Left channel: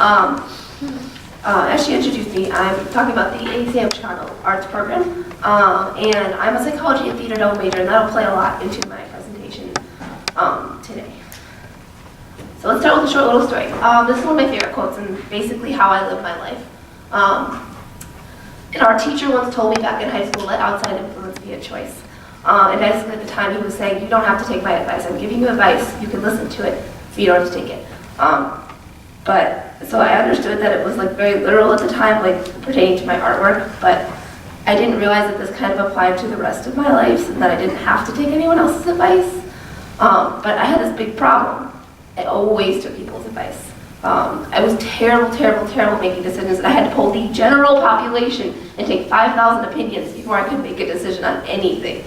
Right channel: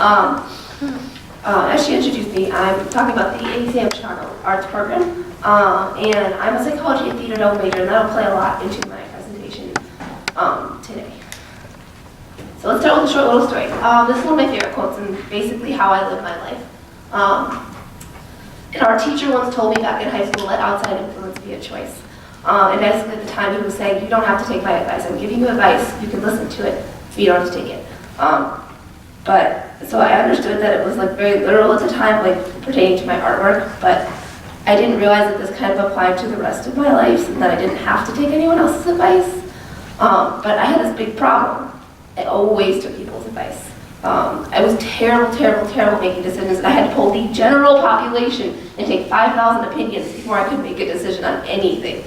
As she introduced me, I'm talking about the ACM Chicago Arts Program, and I'm a psychology and theater double major, and that'll play a lot into my presentation today. So let's start with a short little story. This is one of my favorite quotes and basically how I live my life. And our teacher once told me back in high school, let outside influence be a choice. And basically at the time he was saying, you don't have to take my advice. I'm giving you advice, you can listen to it, but you don't have to take it. So I understood that it was like very literal at the time, like pertaining to my artwork, but I didn't realize that this kind of applied to the rest of my life and that I didn't have to take anyone else's advice. But I had this big problem. I always took people's advice. I was terrible making decisions, and I had to poll the general population and take 5,000 opinions before I could make a decision on anything.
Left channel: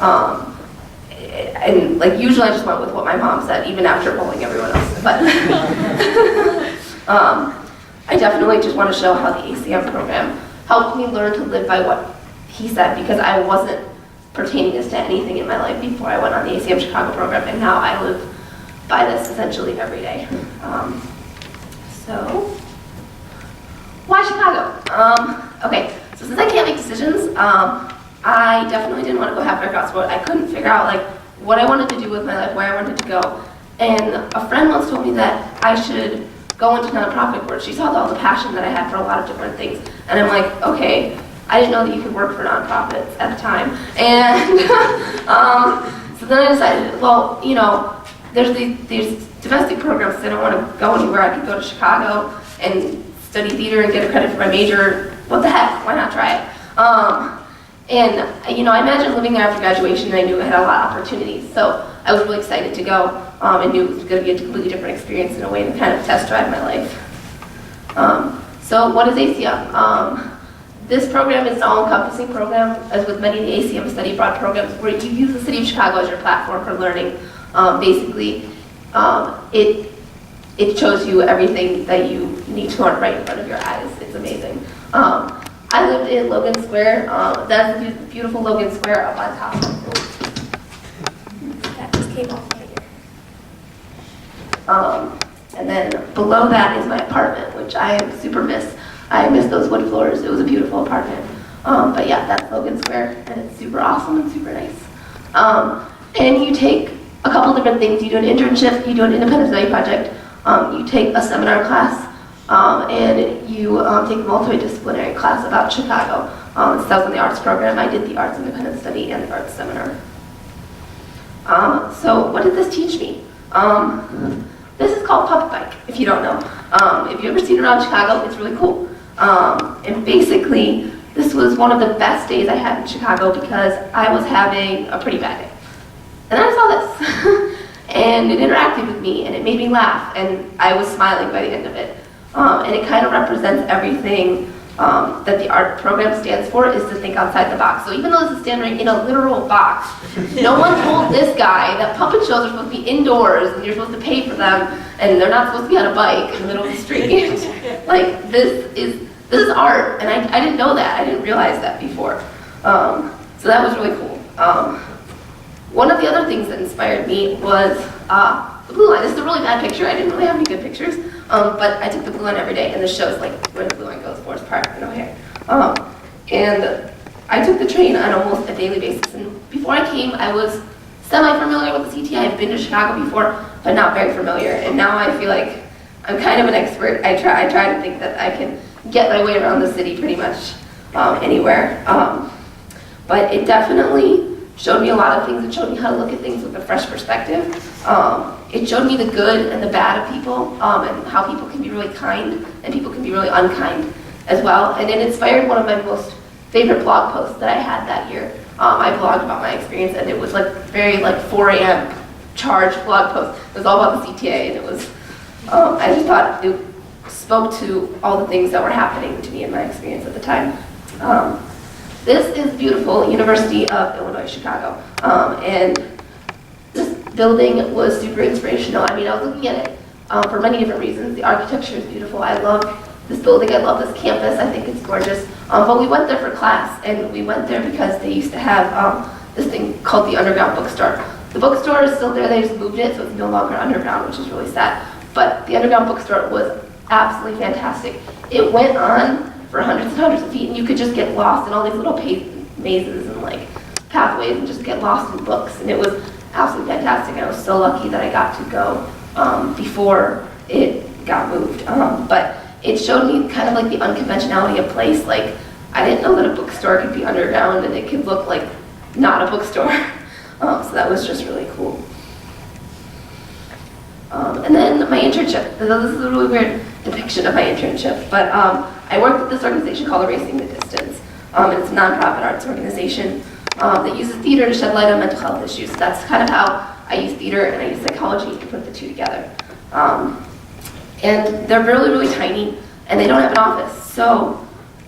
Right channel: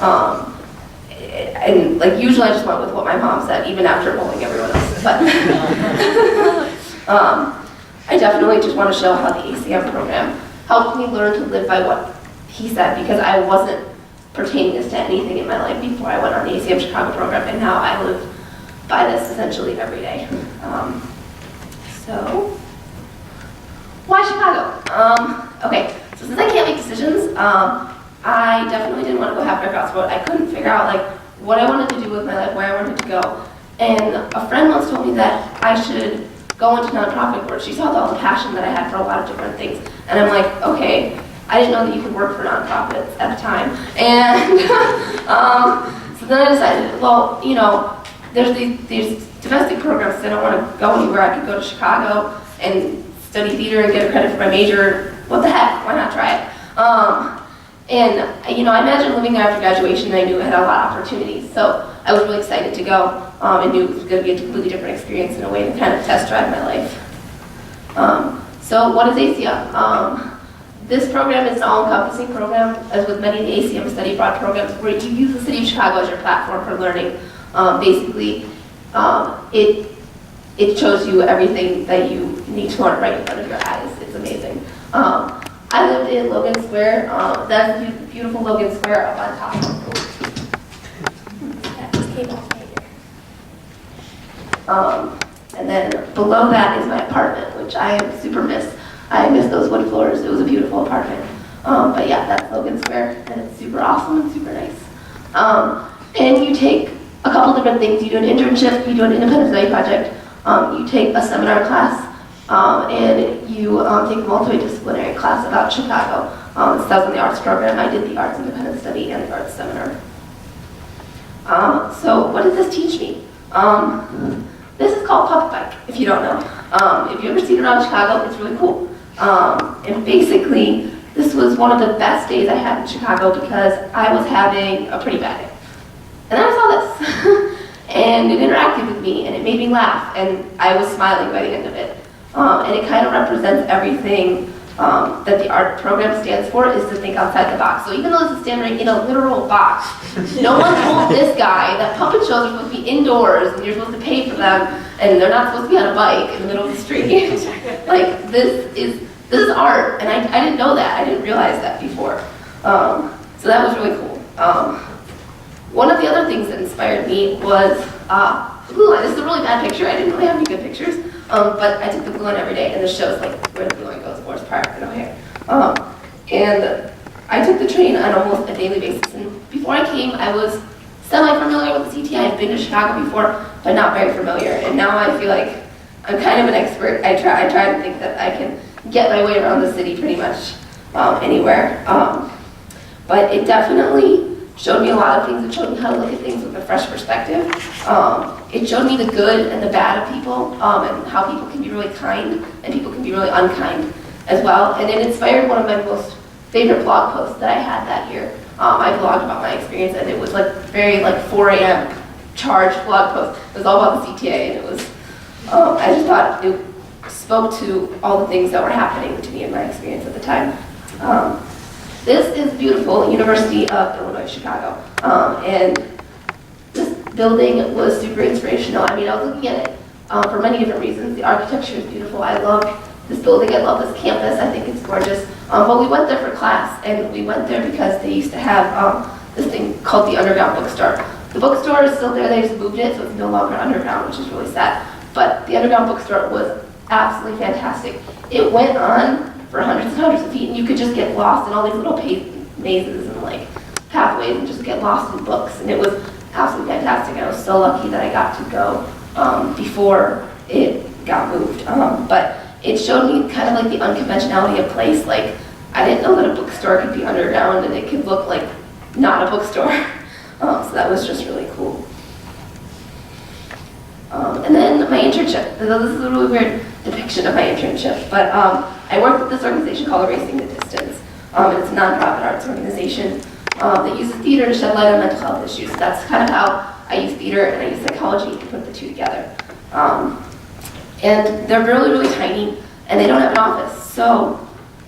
And like usually I just went with what my mom said, even after polling everyone else. But I definitely just want to show how the ACM program helped me learn to live by what he said, because I wasn't pertaining this to anything in my life before I went on the ACM Chicago program, and now I live by this essentially every day. So, why Chicago? Okay, so since I can't make decisions, I definitely didn't want to go halfway across the road. I couldn't figure out like what I wanted to do with my life, where I wanted to go. And a friend once told me that I should go into nonprofit work. She saw all the passion that I had for a lot of different things. And I'm like, okay, I didn't know that you could work for nonprofits at the time. And so then I decided, well, you know, there's these domestic programs that I don't want to go anywhere. I could go to Chicago and study theater and get a credit for my major. What the heck? Why not try it? And you know, I imagined living there after graduation, and I knew I had a lot of opportunities. So I was really excited to go, and knew it was going to be a completely different experience in a way to kind of test drive my life. So what is ACM? This program is an all-encompassing program, as with many of the ACM study abroad programs, where you use the city of Chicago as your platform for learning. Basically, it shows you everything that you need to learn right in front of your eyes. It's amazing. I lived in Logan Square. That's the beautiful Logan Square up on top. That just came off right here. And then below that is my apartment, which I super miss. I miss those wood floors. It was a beautiful apartment. But yeah, that's Logan Square, and it's super awesome and super nice. And you take a couple different things. You do an internship, you do an independent study project, you take a seminar class, and you take a multidisciplinary class about Chicago. So that was in the arts program. I did the arts independent study and the arts seminar. So what did this teach me? This is called Puppet Bike, if you don't know. If you've ever seen it around Chicago, it's really cool. And basically, this was one of the best days I had in Chicago because I was having a pretty bad day. And then I saw this, and it interacted with me, and it made me laugh, and I was smiling by the end of it. And it kind of represents everything that the art program stands for, is to think outside the box. So even though this is standing in a literal box, no one told this guy that puppet shows are supposed to be indoors, and you're supposed to pay for them, and they're not supposed to be on a bike in the middle of the street. Like, this is art, and I didn't know that. I didn't realize that before. So that was really cool. One of the other things that inspired me was the blue line. This is a really bad picture. I didn't really have any good pictures, but I took the blue line every day, and this shows like where the blue line goes, Forest Park and O'Hare. And I took the train on almost a daily basis. And before I came, I was semi-familiar with the CT. I had been to Chicago before, but not very familiar. And now I feel like I'm kind of an expert. I try to think that I can get my way around the city pretty much anywhere. But it definitely showed me a lot of things. It showed me how to look at things with a fresh perspective. It showed me the good and the bad of people, and how people can be really kind and people can be really unkind as well. And it inspired one of my most favorite blog posts that I had that year. I blogged about my experience, and it was like very 4 a.m. charged blog post. It was all about the CTA, and it was, I just thought it spoke to all the things that were happening to me in my experience at the time. This is beautiful University of Illinois, Chicago. And this building was super inspirational. I mean, I was looking at it for many different reasons. The architecture is beautiful. I love this building. I love this campus. I think it's gorgeous. But we went there for class, and we went there because they used to have this thing called the Underground Bookstore. The bookstore is still there. They just moved it, so it's no longer underground, which is really sad. But the Underground Bookstore was absolutely fantastic. It went on for hundreds and hundreds of feet, and you could just get lost in all these little mazes and like pathways and just get lost in books, and it was absolutely fantastic. I was so lucky that I got to go before it got moved. But it showed me kind of like the unconventionality of place. Like, I didn't know that a bookstore could be underground and it could look like not a bookstore. So that was just really cool. And then my internship. So this is a really weird depiction of my internship, but I worked with this organization called Erasing the Distance. And it's a nonprofit arts organization that uses theater to shed light on mental health issues. That's kind of how I use theater and I use psychology to put the two together. And they're really, really tiny, and they don't have an office. So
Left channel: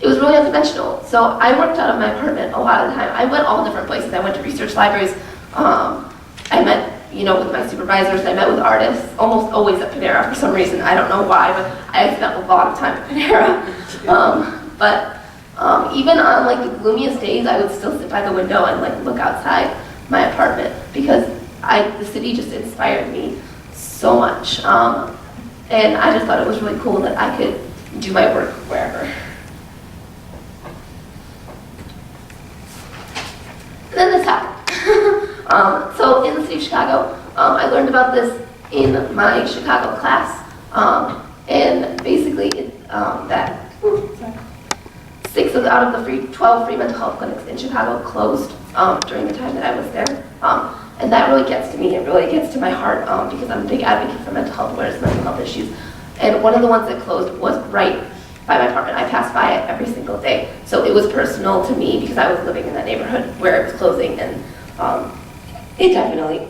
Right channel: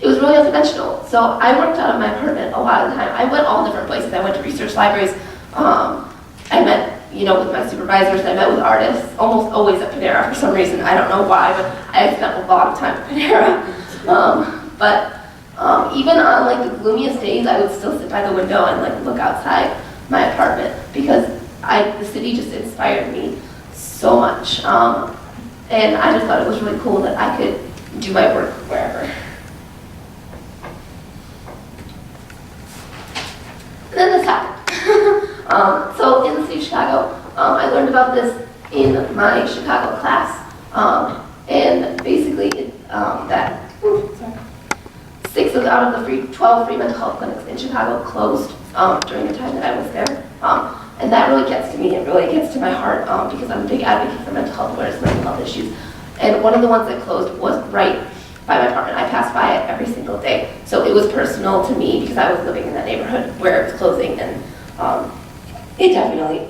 it was really unconventional. So I worked out of my apartment a lot of the time. I went all different places. I went to research libraries. I met, with my supervisors, and I met with artists, almost always at Panera for some reason. I don't know why, but I spent a lot of time at Panera. Even on like the gloomiest days, I would still sit by the window and like look outside my apartment because the city just inspired me so much. And I just thought it was really cool that I could do my work wherever. And then this happened. So in the city of Chicago, I learned about this in my Chicago class. And basically, 6 out of the 12 free mental health clinics in Chicago closed during the time that I was there. And that really gets to me, it really gets to my heart because I'm a big advocate for mental health awareness, mental health issues. And one of the ones that closed was right by my apartment. I passed by it every single day. So it was personal to me because I was living in that neighborhood where it was closing, and it definitely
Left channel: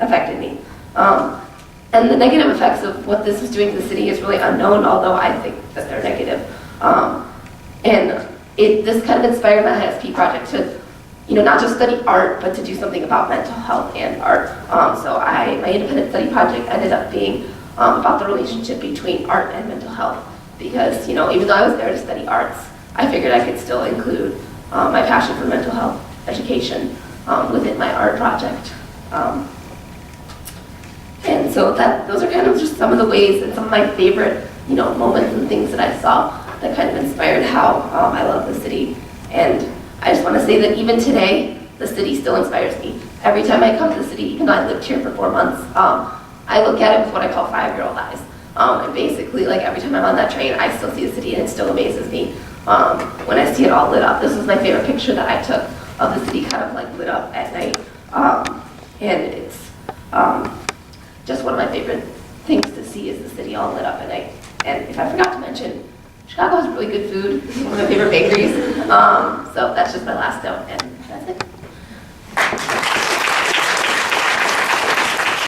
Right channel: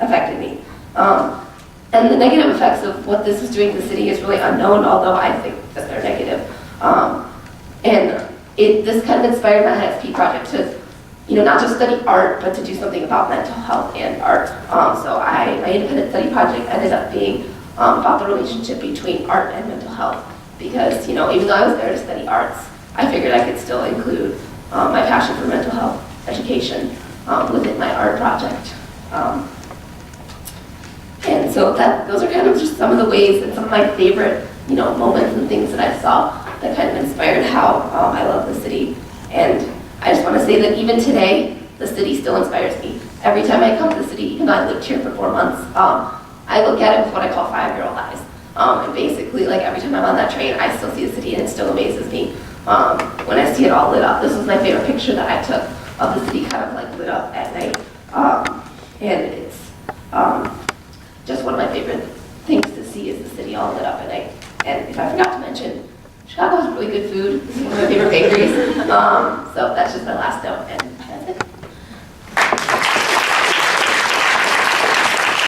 affected me. And the negative effects of what this is doing to the city is really unknown, although I think that they're negative. And this kind of inspired my ISP project to not just study art, but to do something about mental health and art. So my independent study project ended up being about the relationship between art and mental health. Because, even though I was there to study arts, I figured I could still include my passion for mental health education within my art project. And so those are kind of just some of the ways and some of my favorite, moments and things that I saw that kind of inspired how I love the city. And I just want to say that even today, the city still inspires me. Every time I come to the city, even though I lived here for 4 months, I look at it with what I call 5-year-old eyes. And basically, like every time I'm on that train, I still see the city and it still amazes me when I see it all lit up. This was my favorite picture that I took of the city kind of like lit up at night. And it's just one of my favorite things to see is the city all lit up at night. And if I forgot to mention, Chicago has really good food. This is one of my favorite bakeries. So that's just my last note. And